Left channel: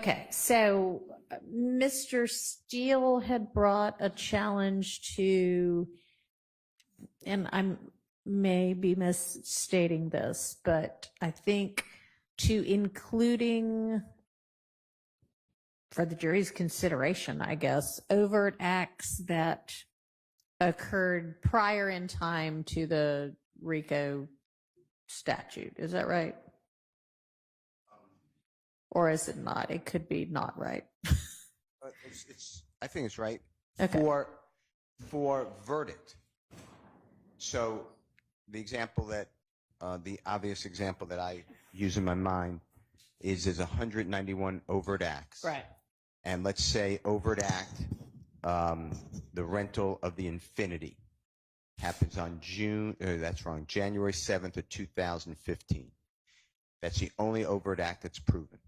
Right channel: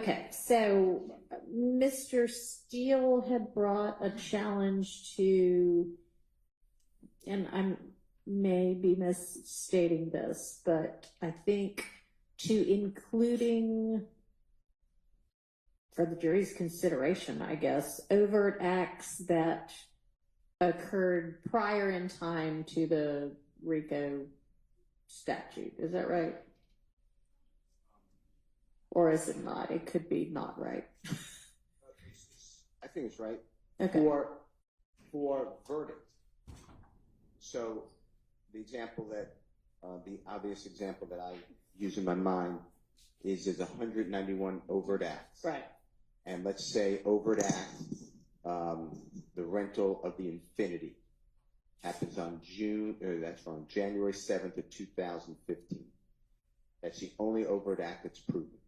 Okay, so Mr. Steele had brought a challenge to, and I may be misstating this, but I think to including, for the jury's consideration, I guess, overt acts that occurred prior in time to the RICO statute. Is that right? Or is it not? It could be not right. I think it's right. Okay. For verdict. So the example that, the obvious example that I use in my mind is there's 191 overt acts. Right. And let's say overt act, the rental of the Infinity happens on January 7th of 2015. That's the only overt act that's proven.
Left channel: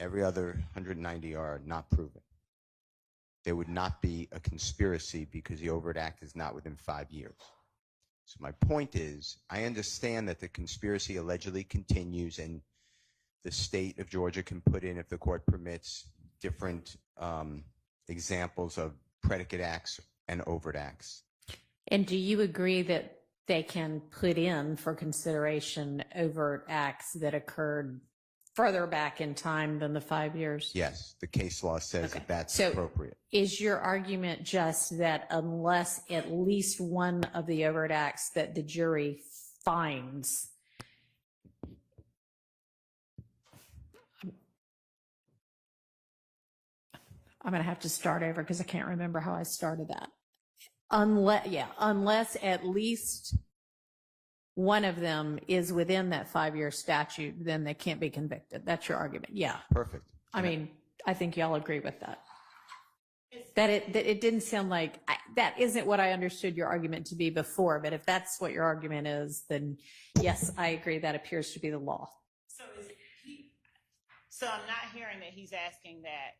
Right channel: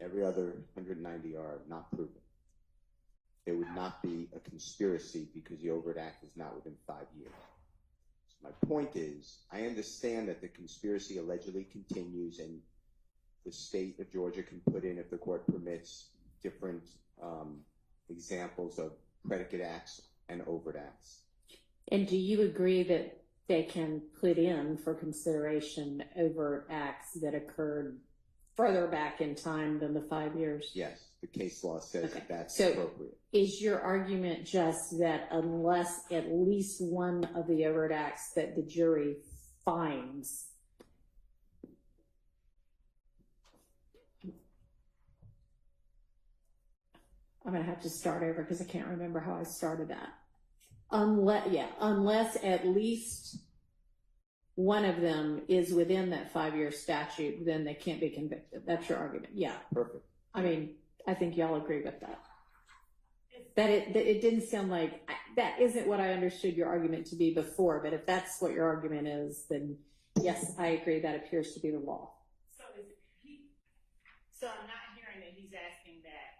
Every other 190 are not proven. There would not be a conspiracy because the overt act is not within 5 years. So my point is, I understand that the conspiracy allegedly continues and the state of Georgia can put in, if the court permits, different examples of predicate acts and overt acts. And do you agree that they can put in for consideration overt acts that occurred further back in time than the 5 years? Yes, the case law says that that's so appropriate. Is your argument just that unless at least one of the overt acts that the jury finds, I'm going to have to start over because I can't remember how I started that. Unless at least one of them is within that 5-year statute, then they can't be convicted. That's your argument. Yeah. Perfect. I mean, I think y'all agree with that. That it didn't sound like, that isn't what I understood your argument to be before, but if that's what your argument is, then yes, I agree that appears to be the law. So I'm not hearing that he's asking that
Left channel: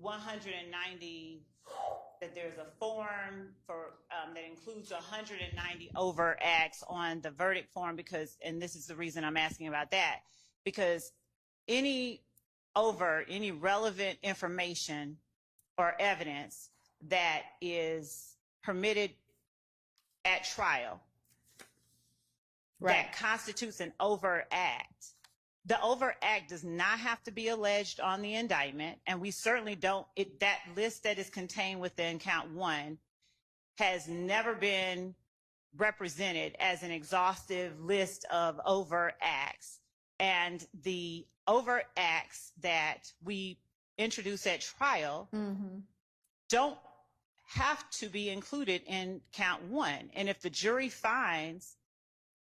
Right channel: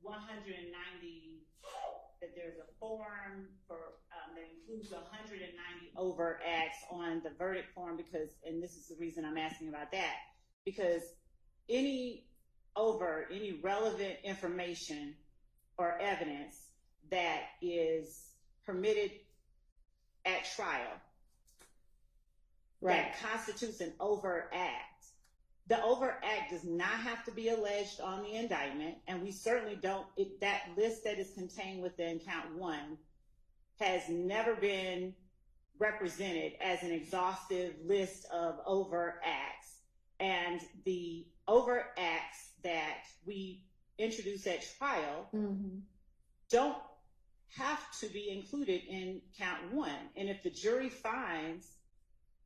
190, that there's a form for that includes 190 overt acts on the verdict form, because, and this is the reason I'm asking about that, because any relevant information or evidence that is permitted at trial, right, that constitutes an overt act. The overt act does not have to be alleged on the indictment, and we certainly don't, that list that is contained within count 1 has never been represented as an exhaustive list of overt acts. And the overt acts that we introduce at trial don't have to be included in count 1. And if the jury finds,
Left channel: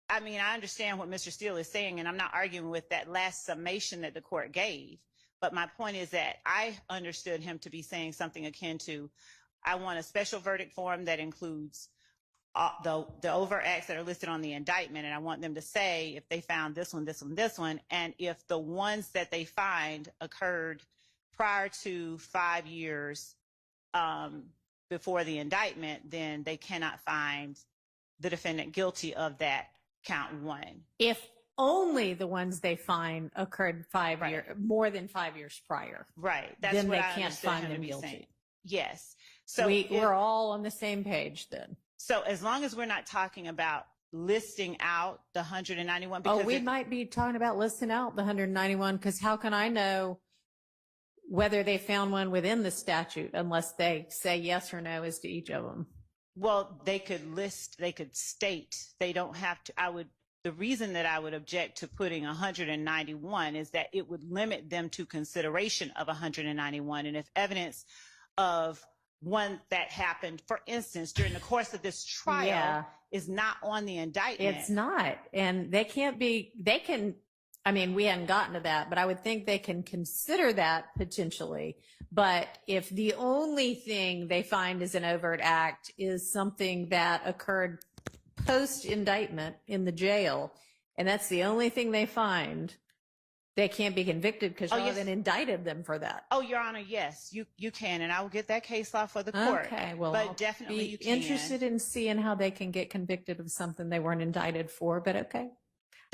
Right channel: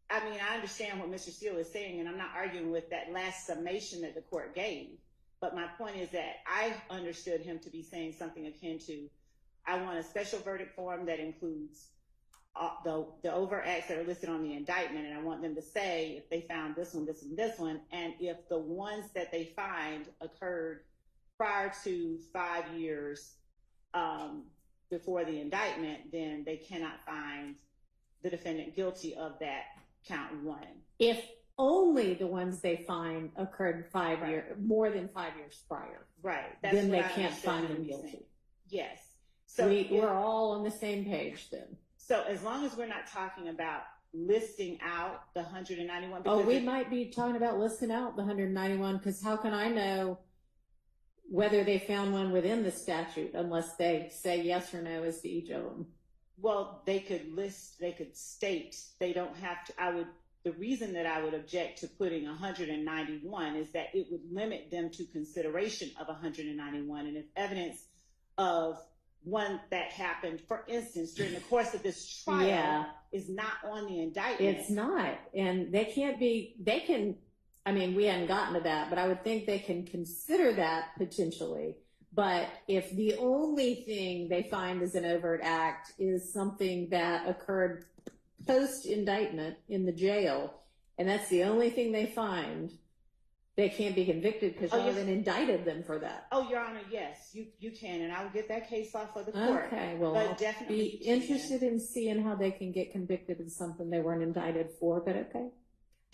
I mean, I understand what Mr. Steele is saying, and I'm not arguing with that last summation that the court gave. But my point is that I understood him to be saying something akin to, I want a special verdict form that includes the overt acts that are listed on the indictment, and I want them to say if they found this one, this one, this one, and if the ones that they find occurred prior to 5 years before the indictment, then they cannot find the defendant guilty of that count 1. If only the ones they find occurred more than 5 years prior. Right. That's then what they I can't find them saying. guilty. Yes. So we're all on the same page then. So as long as we're not talking about listing out the 191, because we might be talking about listing out the 191, because how can I know whether they found one within the statute unless they say yes or no as to each of them? Well, they could list, they could state, they don't have to. The reason that I would object to putting 191 is that it would limit them to consideration of 191. And if evidence of one that happened, for instance, during the course of this trial is not on the indictment. It's not. And they can, I mean, we haven't gotten to that, but I would think they can consider that potentially. But if the only thing they find is an overt act is something that occurred post-indictment in the jail, and that's the only thing they find, they can't be convicted because you haven't indicted them for that. Oh, Your Honor, yes, you can, and I will get that case law for the court. Okay, well, but I'll definitely be interested in seeing how they can get convicted of something they weren't indicted for, but okay.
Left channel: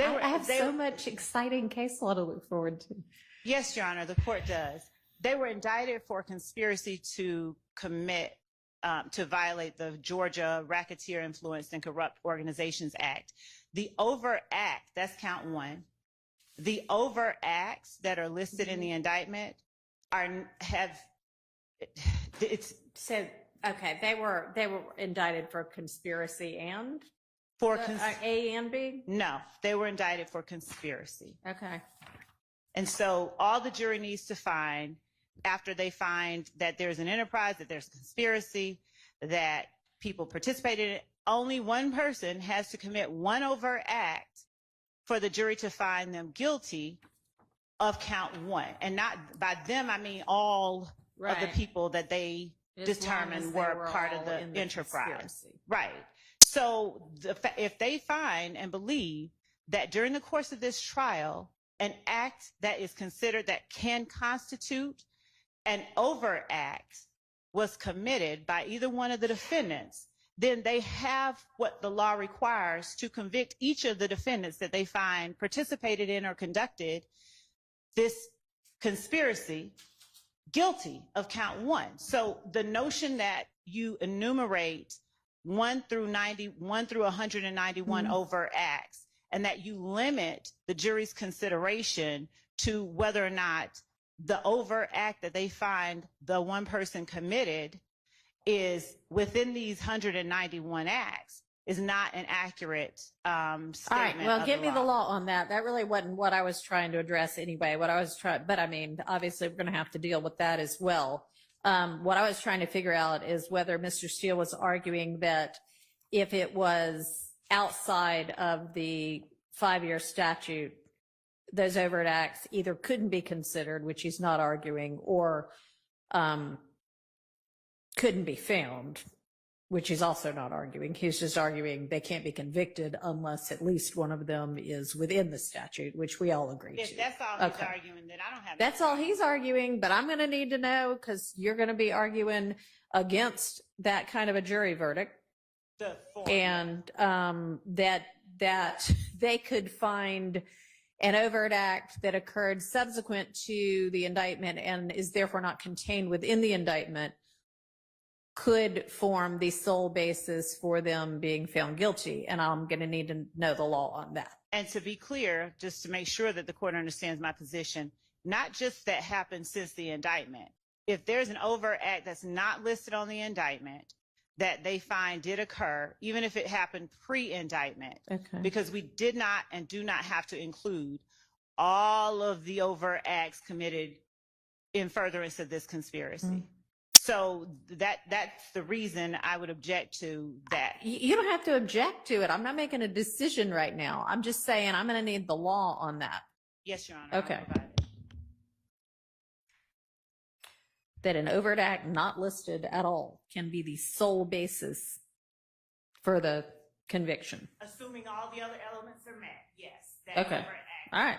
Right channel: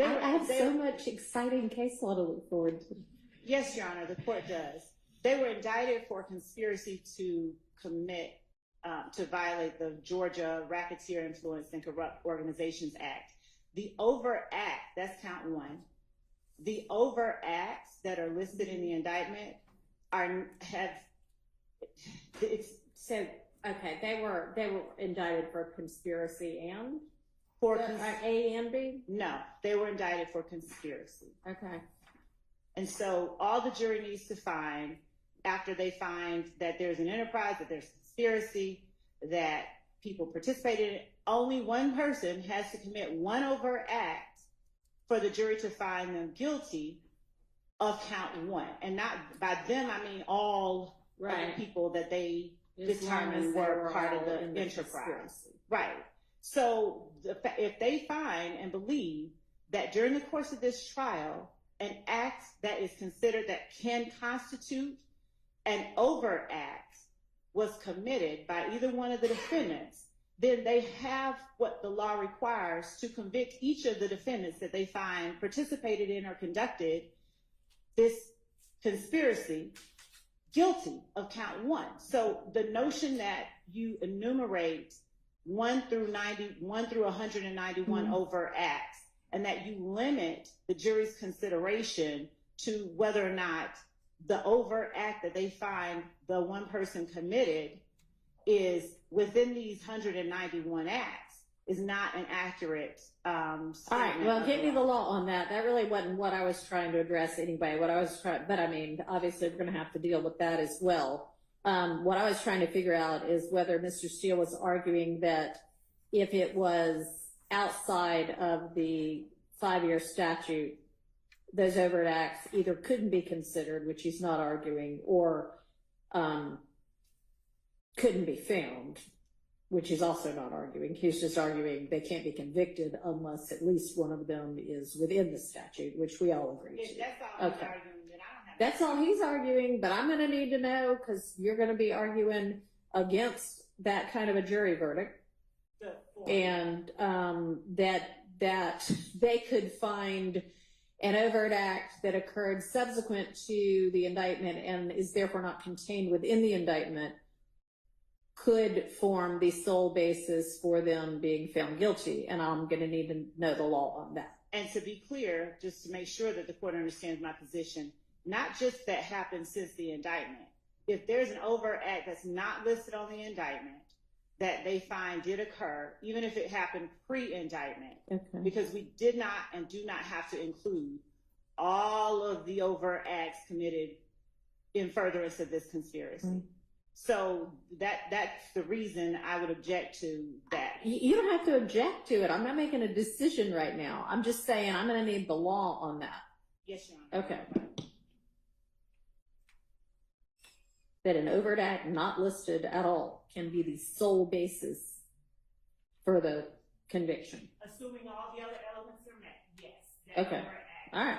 I have so much exciting case law to look forward to. Yes, Your Honor, the court does. They were indicted for conspiracy to commit, to violate the Georgia Racketeer Influenced and Corrupt Organizations Act. The Overt Act, that's count 1. The overt acts that are listed in the indictment So, okay, they were indicted for conspiracy and A and B? No, they were indicted for conspiracy. Okay. And so all the jury needs to find, after they find that there's an enterprise, that there's conspiracy, that people participated in it, only one person has to commit one overt act for the jury to find them guilty of count 1. And not by them, I mean all of the people that they determined were part of the enterprise. Conspiracy. Right. So if they find and believe that during the course of this trial, an act that is considered that can constitute an overt act was committed by either one of the defendants, then they have what the law requires to convict each of the defendants that they find participated in or conducted this conspiracy guilty of count 1. So the notion that you enumerate 1 through 191 overt acts, and that you limit the jury's consideration to whether or not the overt act that they find the one person committed is within these 191 acts is not an accurate statement. All right, well, give me the law on that. That really wasn't what I was trying to address anyway. But I mean, obviously we're going to have to deal with that as well. What I was trying to figure out is whether Mr. Steele was arguing that if it was outside of the 5-year statute, those overt acts either couldn't be considered, which he's not arguing, or couldn't be found, which he's also not arguing. He's just arguing they can't be convicted unless at least one of them is within the statute, which we all agree to. That's all he's arguing, then I don't have That's all he's arguing, but I'm going to need to know, because you're going to be arguing against that kind of a jury verdict. And that they could find an overt act that occurred subsequent to the indictment and is therefore not contained within the indictment could form the sole basis for them being found guilty. And I'm going to need to know the law on that. And to be clear, just to make sure that the court understands my position, not just that happened since the indictment. If there's an overt act that's not listed on the indictment that they find did occur, even if it happened pre-indictment, because we did not and do not have to include all of the overt acts committed in furtherance of this conspiracy. So that's the reason I would object to that. You don't have to object to it. I'm not making a decision right now. I'm just saying I'm going to need the law on that. Yes, Your Honor. Okay. That an overt act not listed at all can be the sole basis for the conviction. Assuming all the other elements are met, yes. Okay. All right.